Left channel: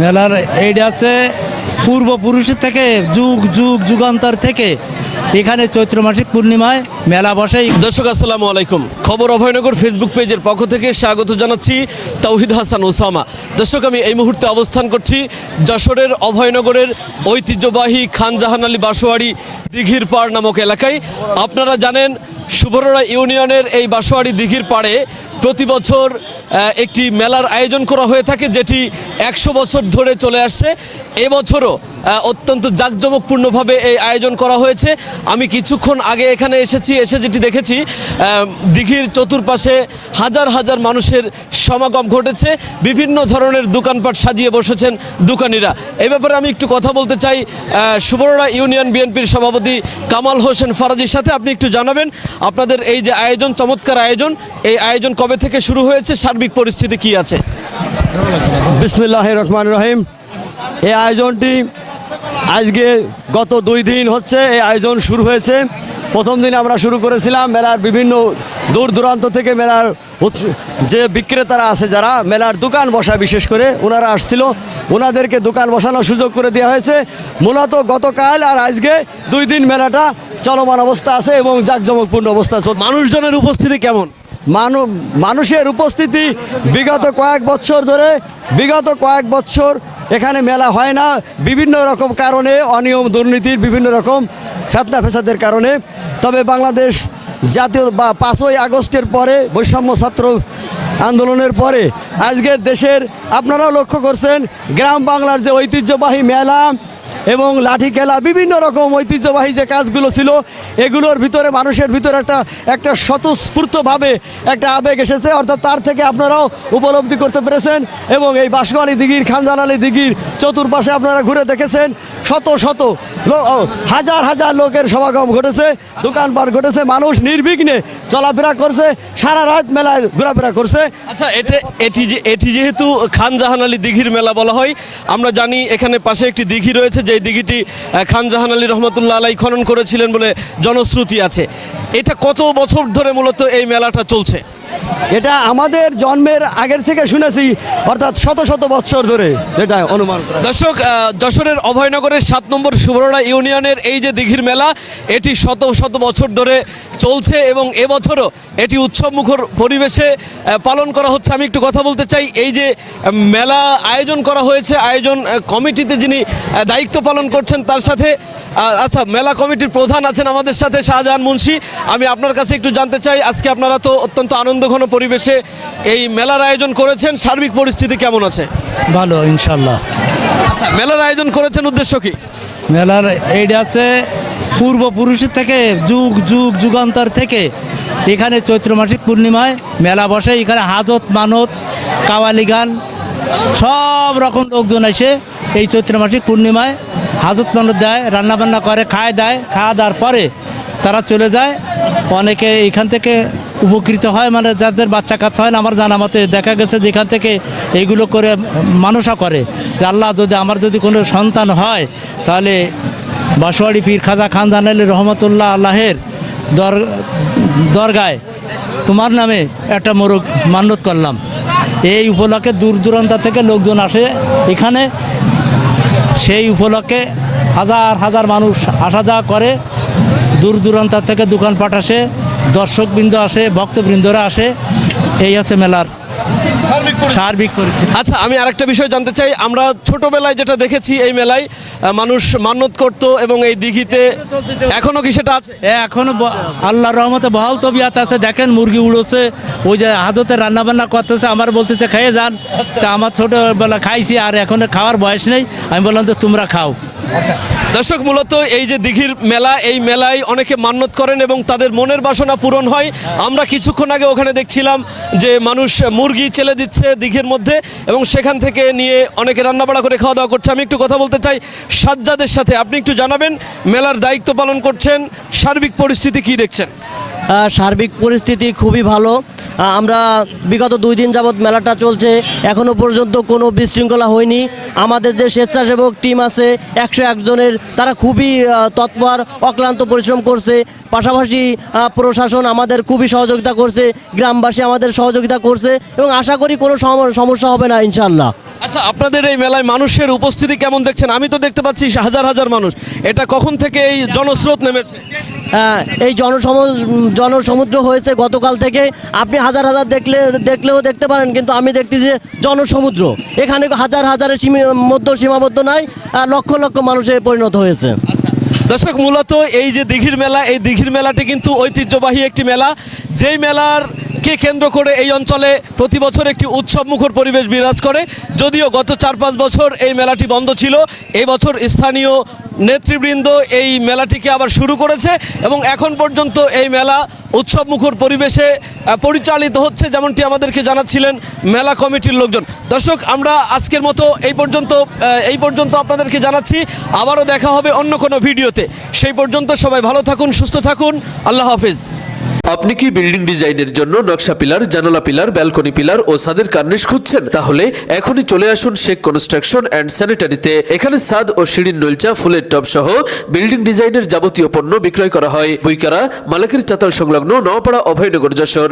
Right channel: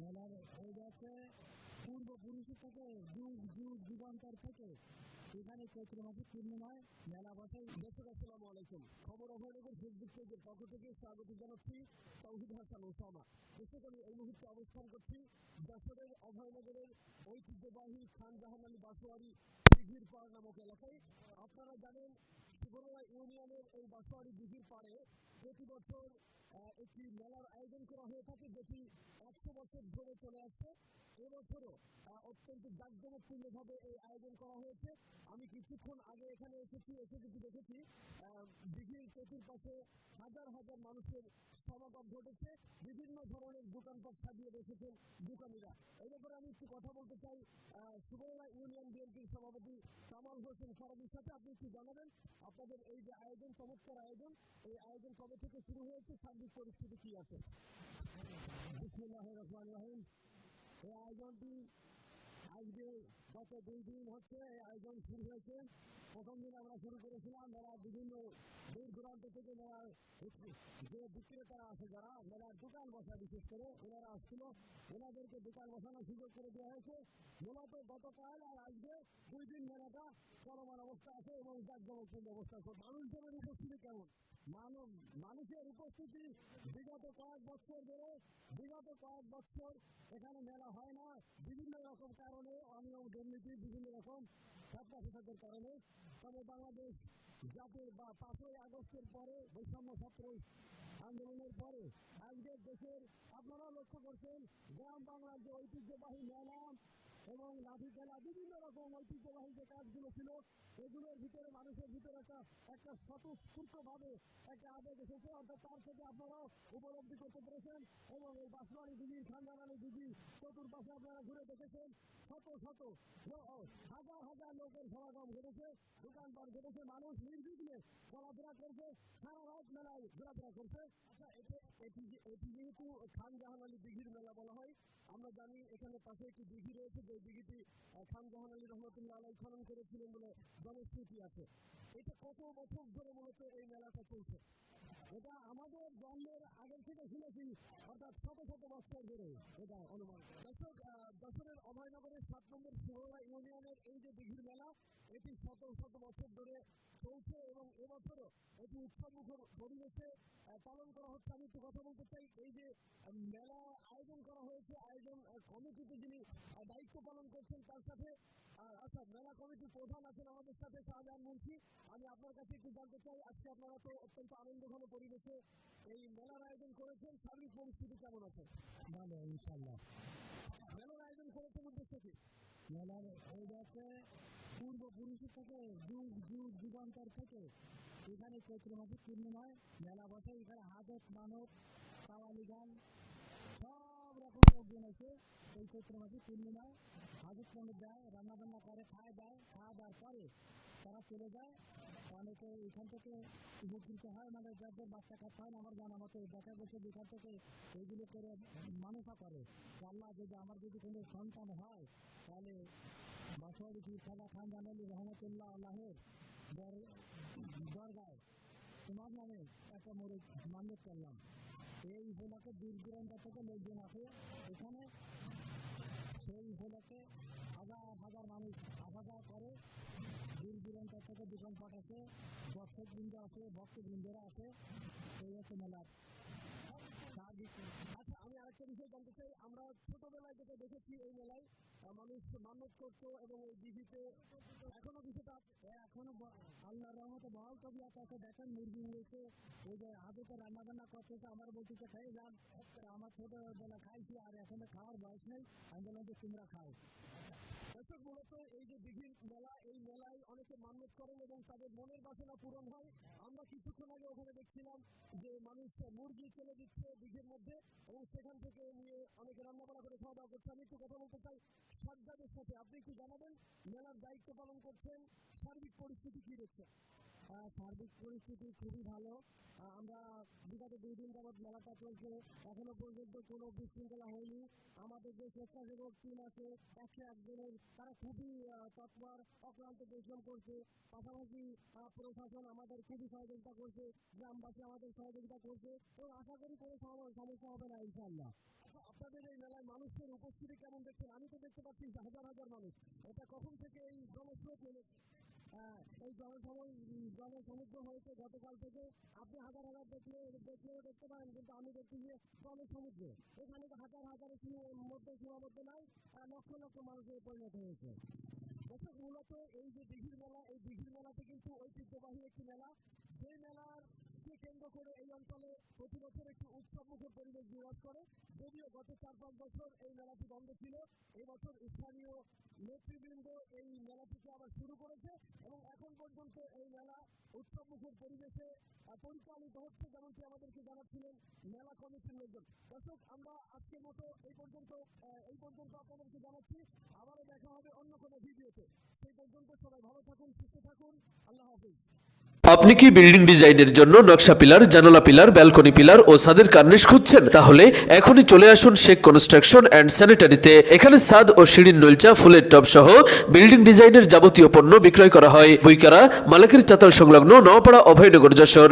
মেলার এইটা আছে পূর্বপুরুষের থেকে যুগান্তর থেকে এখানে চৈত্র মাসিক পূর্ণিমায় মেলা বসে। দর্শক আসসালামু আলাইকুম, খবর অভয়নগর ফেসবুক পেজের পক্ষ থেকে স্বাগত জানাচ্ছি তাওহিদ হাসান ওসামা। দর্শক, আমি এই মুহূর্তে অবস্থান করছি যশোরের অভয়নগরের ঐতিহ্যবাহী খান জাহান আলী বাসোয়াড়ি দিঘির পাড় নামক এলাকায়। আপনারা জানেন সুবর্ণা ইউনিয়নের এই বাসোয়াড়ি দিঘির পাড়ে প্রতি বছর একটি মেলার আয়োজন করা হয়ে থাকে, যেটি 100 বছর ধরে চলে আসছে। এবছরও অত্যন্ত জাঁকজমকপূর্ণভাবে এই আয়োজন করা হয়েছে। আমি কিছুক্ষণ আগে এখানে এসে যেটি দেখেছি, দিঘির চতুর্পাশে হাজার হাজার মানুষের সমাগম ঘটেছে। বিভিন্ন ধরনের দোকানপাট সাজিয়ে বসেছেন দোকানিরা। এই ব্যাপারে আমি একটু কথা বলতে চাই সুবর্ণা ইউনিয়ন বিএনপির সভাপতি কামাল হোসেন ফরাজির সাথে। আপনি একটু জানাবেন আপনাদের এই যে আয়োজন, চমৎকার আয়োজন, এই আয়োজন কবে থেকে শুরু হয়েছে, সার্বিক পরিস্থিতি কি আছে? বিসমিল্লাহির রহমানির রহিম। এই আয়োজনটি আজকে গত 2 দিন হচ্ছে এই আয়োজন শুরু হয়েছে। প্রথম দিন আমরা শুরু করেছিলাম মেলার বিভিন্ন দূর দূরান্ত থেকে মেলার যে বিক্রেতারা আছে, যারা মেলার দোকান বসায়, বিশেষ করে ওনারা আসছিল, ওনাদেরকে দোকান বসানোর সুযোগ করে দেওয়া হয়েছে। মূলত গতকাল আর আজকে 2 দিন মেলাটা চলমান অবস্থা আছে এবং জাঁকজমকপূর্ণ অবস্থা চলছে। মানুষজনের উপস্থিতি কেমন? মানুষের উপস্থিতি বিগত কয়েক বছর এখানে মেলা হয় না, বিভিন্ন রকম কারণে, অনিয়ম দুর্নীতির বিভিন্ন রকম ফেতনা ফেসাদের কারণে। তবে বাংলাদেশ জাতীয় বা 5ই আগস্টের পরে, বৈষম্য ছাত্র আন্দোলনের পরে আজকের দেশের, আপনারাও লক্ষ্য করছেন, গ্রাম বাংলার যে ঐতিহ্যবাহী মেলা এবং লাঠি খেলা, বিভিন্ন রকম ঐতিহ্যবাহী যে কাজগুলো ছিল, এগুলোর ভিতরে মানুষের ভিতরে একটা স্বতঃস্ফূর্তভাবে একটা আবেগ এসেছে। অর্থাৎ তার থেকে আপনারাও উপলব্ধি করতে পেরেছেন। এবং এই বাসোয়াড়ি দিঘির, খান জাহান আলী দিঘির চতুর্পাশে আপনারা ঘুরে দেখেছেন, শত হাজার হাজার লোকের সমাগম ঘটেছে, দোকানপাট ঘটেছে, মানুষ নির্বিঘ্নে চলাফেরা করছে, সারা রাত মেলায় ঘোরাফেরা করছে। আচ্ছা, এটি যেহেতু খান জাহান আলী দিঘির মেলা বলা হয়, আমরা জানি এখানে পাশে একটি দিঘি রয়েছে, যে দিঘিটি খান জাহান আলী রহমতুল্লাহ আলাই খনন করেছিলেন বলে জনশ্রুতি আছে। এটা কত বছর ধরে মূলত এই মেলাটা চলছে? এটা আমাদের জন্মের আগের থেকে শুনেছি, অর্থাৎ শত শত বছর ধরে যেটা অনুমান করা। দর্শক, যশোরের অভয়নগরের 7 নম্বর সুবর্ণা ইউনিয়নের এই যে দিঘির মেলা, এটি শত শত বছর ধরে চলছে এবং এবছরও এটি উৎসবমুখর পরিবেশে পালন করা হচ্ছে। আমি একটু কথা বলতে চাই, এই যে মেলা আয়োজন করা হয়েছে, আয়োজন কমিটিতে যিনি দায়িত্ব পালন করছেন তার সাথে, আচ্ছা, মেলা কমিটির প্রধান আছেন আমাদের সাথে, শাহজাহান মুন্সি। আমি আপনার কাছে একটু জানতে চাই, আজকে আপনারা তো অত্যন্ত আনন্দঘন পরিবেশে এই মেলার আয়োজন করেছেন, সার্বিক পরিস্থিতি কেমন আছে? ভালো, ইনশাল্লাহ। আচ্ছা, মেলার আয়োজন করেছেন উদ্দেশ্য কি? মেলার এইটা আছে পূর্বপুরুষের থেকে যুগান্তর থেকে এখানে চৈত্র মাসিক পূর্ণিমায় মেলা বসে। এখানে হাজত, মানত, কাওয়ালি গান, সব রকম লোকজন এসে এই চৈত্র মাসিক পূর্ণিমায় হাজত মানত দেয়, রান্নাবান্না করে, খাওয়া দাওয়ার পরে তারা চলে যায়। অনেকে এখান থেকে উপকৃত হয়, মানে যাদের বাচ্চা কাচ্চা হয় না, আমার জানা মতে দেখা গেছে যে এখান থেকে এইগুলো করে মানুষও করে যে আল্লাহ যদি কোনো সন্তান হয়, তাহলে বাসোয়াড়ি পীর খাজা খান জাহান আলী রহমতুল্লাহ আল্লাহের দরগায় তোমার নামে একটা মোরগ মান্যত করলাম। এই উপলক্ষে দূর দূরান্ত থেকে লোকজন আসে এখানে। সেই উপলক্ষে হাজার হাজার মানুষ আসা যাওয়া করে, দূর দূরান্ত থেকে দোকানপাট আসে, দর্শকবৃন্দ আসে, ভক্তবৃন্দরা আসে। এই হচ্ছে মেলার সার্বিক পরিস্থিতি। আচ্ছা, আমি আরেকটা বিষয় জানতে চাই, আমরা ছোটবেলায় যেটা দেখেছি, এই মেলায় মানুষ মান্যত করত এবং এই দিঘিতে এখনো কি সেটা আছে? এখনো আল্লাহর রহমতে বহাল তবিয়াত আছে। দেখেন, মুরগি উড়োছে, ওই যে হাজতে রান্নাবান্না করতেছে, আমার বলতেছে খেয়ে যান। তা আমার ছোটবেলা খাইছি, আর এখন খাওয়ার বয়স নেই। আমি বললাম তো তোমরা খাও। আচ্ছা দর্শক, মূলত এই যে দিঘির মেলা, এই মেলায় অনেকে মান্যত করেন এবং তাদের মনের বাসনা পূরণ হয়। আমরা কিছুক্ষণ আগে ওখানে দেখছিলাম যে মানুষ মুরগি চেলে দিচ্ছে দিঘির মধ্যে এবং সেখান থেকে নিয়ে অনেকে রান্নাবাড়া করে খাওয়া দাওয়া করছে। আমি একটু কথা বলতে চাই সাজ্জাদের সাথে। আপনি একটু জানাবেন, মেলার দায়িত্ব পালন করছেন, সার্বিক পরিস্থিতি কি দেখছেন? সার্বিক পরিস্থিতি খুবই ভালো। আমরা বিগত 2 দিন যাবৎ মেলাটা চলছে, এখনও পর্যন্ত কোনো বিশৃঙ্খলা হয়নি। আমাদের যে স্বেচ্ছাসেবক টিম আছে 101 জনের, তারা খুবই তৎপর, অক্লান্ত পরিশ্রম করছে। পাশাপাশি প্রশাসন আমাদের খুবই সহযোগিতা করছে, গ্রামবাসী আমাদের সহযোগিতা করছে এবং আশা করি কোনো সমস্যা হবে না ইনশাল্লাহ। আচ্ছা, আপনাদের এই মেলায় মানুষের উপস্থিতি কেমন দেখছেন? আমি তো দেখতে পাচ্ছি হাজার হাজার মানুষ। এটা কখন থেকে এই জনস্রোত নেমেছে? এই জনসমুদ্র হয়েছে গতকাল থেকে। আপনি হাজার হাজার দেখলেও দেখতে পারেন, কিন্তু আমি দেখতেছি যে জনসমুদ্র। এখানে হাজার হাজারের সীমাবদ্ধ নাই, লক্ষ লক্ষ মানুষে পরিণত হয়েছে। দর্শক, মূলত এই যে দিঘির মেলা, এই দিঘির মেলাটি কিন্তু ঐতিহ্যবাহী একটি মেলা, যেই মেলারকে কেন্দ্র করে এই অঞ্চলে প্রতি বছর একটি উৎসবমুখর পরিবেশ বিরাজ করে। যদিও গত 4-5 বছর এই মেলাটি বন্ধ ছিল, এই বছর স্থানীয় নেতৃবৃন্দ এই মেলাটিকে আবার শুরু করেছে এবং এখন পর্যন্ত এই মেলা উৎসবমুখর পরিবেশে পরিচালিত হচ্ছে, যেমনটি আমাদেরকে জানাচ্ছিলেন মেলা কমিটির লোকজন। দর্শক, আমরা আজকের মতো এই পর্যন্ত আপনাদেরকে জানাচ্ছি। আবারও দেখা হবে অন্য কোনো ভিডিওতে। সেই পর্যন্ত সবাই ভালো থাকুন, সুস্থ থাকুন। আল্লাহ হাফেজ। আপনি কি বিল্ডিং ডিজাইনের জন্য নকশা পিলার, জানালা পিলার, ব্যালকনি পিলার ও ছাদের কার্নিশ খুঁজছেন? তাহলে এখনই চলে আসুন শেখ কনস্ট্রাকশন অ্যান্ড স্যানিটারিতে। এখানে ছাদ ও সিঁড়ির নলচা, ফুলের টব সহ বিল্ডিং ডিজাইনের যাবতীয় পণ্য বিক্রয় করা হয়। বইকারা মালিকের চাতাল সংলগ্ন নওপাড়া, অভয়নগর, যশোর।